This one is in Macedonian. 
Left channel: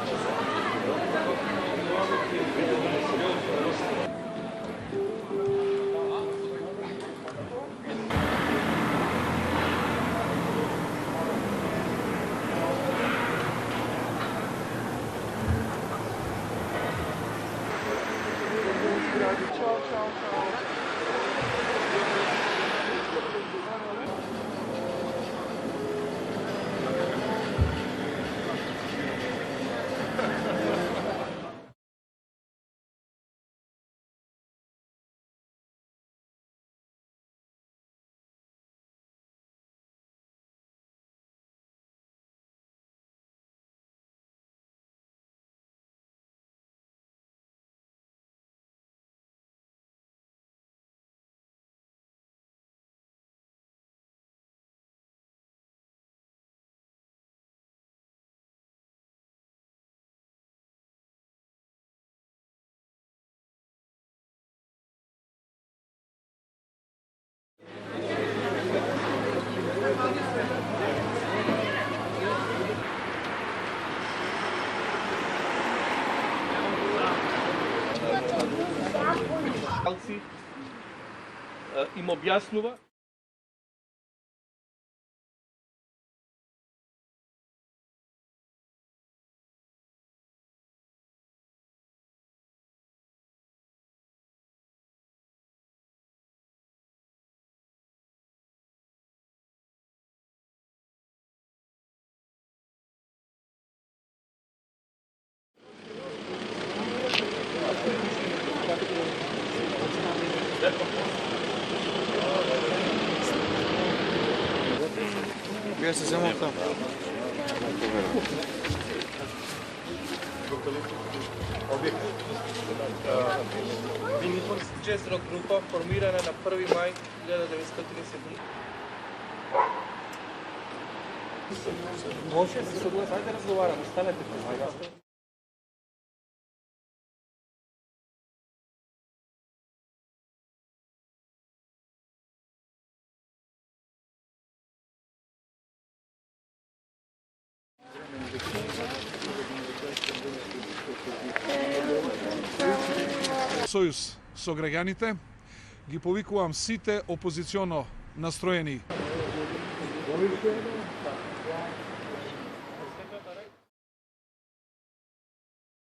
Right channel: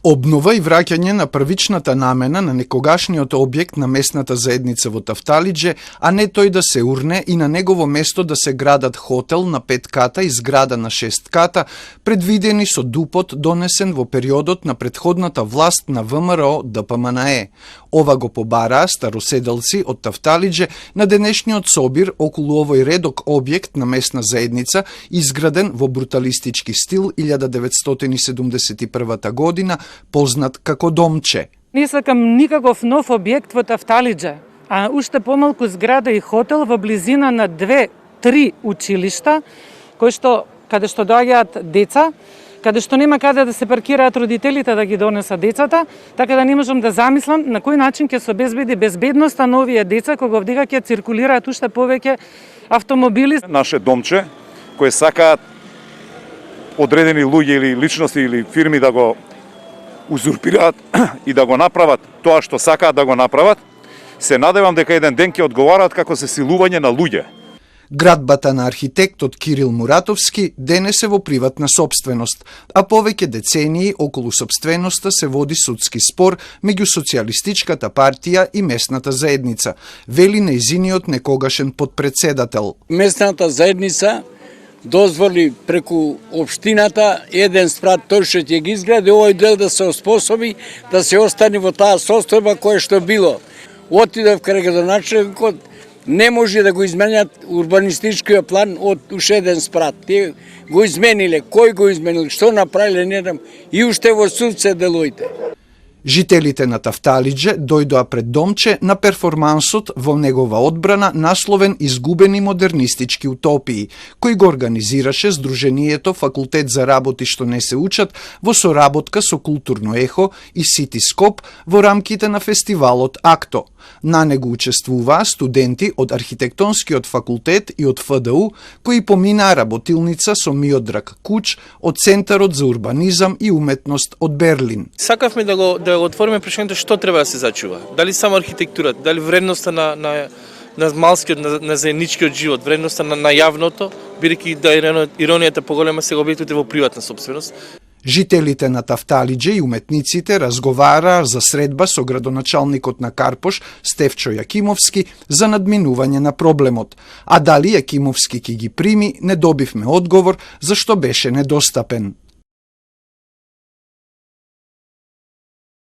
Обнова и враќање на првичната намена на некогашниот објект на местната заедница во Тафталиџе, а не тој да се урне и на негово место да се градат хотел на 5 ката и зграда на 6 ката, предвидени со ДУП-от донесен во периодот на претходната власт на ВМРО ДПМНЕ. Ова го побараа староседелци од Тафталиџе на денешниот собир околу овој редок објект на местна заедница, изграден во бруталистички стил 1971 година, познат како Домче. Не сакам никаков нов објект во Тафталиџе, а уште помалку зграда и хотел во близина на 2-3 училишта, каде што доаѓаат деца, каде што нема каде да се паркираат родителите да ги донесат децата, така да не можам да замислам на кој начин ќе се обезбеди безбедноста на овие деца кога овдека ќе циркулираат уште повеќе автомобили. Наше домче, кои сакаат одредени луѓе или личности или фирми да го узурпираат и да го направат тоа што сакаат да го направат, се надевам дека еден ден ќе одговараат како се силување на луѓе. Градбата на архитектот Кирил Муратовски денес е во приватна сопственост, а повеќе децении околу сопственоста се води судски спор меѓу Социјалистичката партија и местната заедница, вели нејзиниот некогашен подпредседател. Местната заедница дозволи преку општината еден спрат тој што ќе ги изгради овој дел да се оспособи да се остане во таа состојба која што било. Отидов кај градоначелникот, не може да го изменят урбанистичкиот план од уште еден спрат. Тие го измениле, кој го изменил, што направиле, не знам, и уште во суд се делоите. Жителите на Тафталиџе дојдоа пред Домче на перформансот во негова одбрана насловен "Изгубени модернистички утопии", кој го организираше Сдруженијето Факултет за работи што не се учат во соработка со Културно ехо и Ситископ во рамките на фестивалот Акто. На него учествуваа студенти од Архитектонскиот факултет и од ФДУ, кои поминаа работилница со Миодраг Куч од Центарот за урбанизам и уметност од Берлин. Сакавме да го отвориме прашањето што треба да се зачува. Дали само архитектурата, дали вредноста на малскиот, на заедничкиот живот, вредноста на јавното, бидејќи да иронијата поголема се објектите во приватна сопственост. Жителите на Тафталиџе и уметниците разговараа за средба со градоначалникот на Карпош, Стефчо Јакимовски, за надминување на проблемот. А дали Јакимовски ќе ги прими, не добивме одговор, зашто беше недостапен.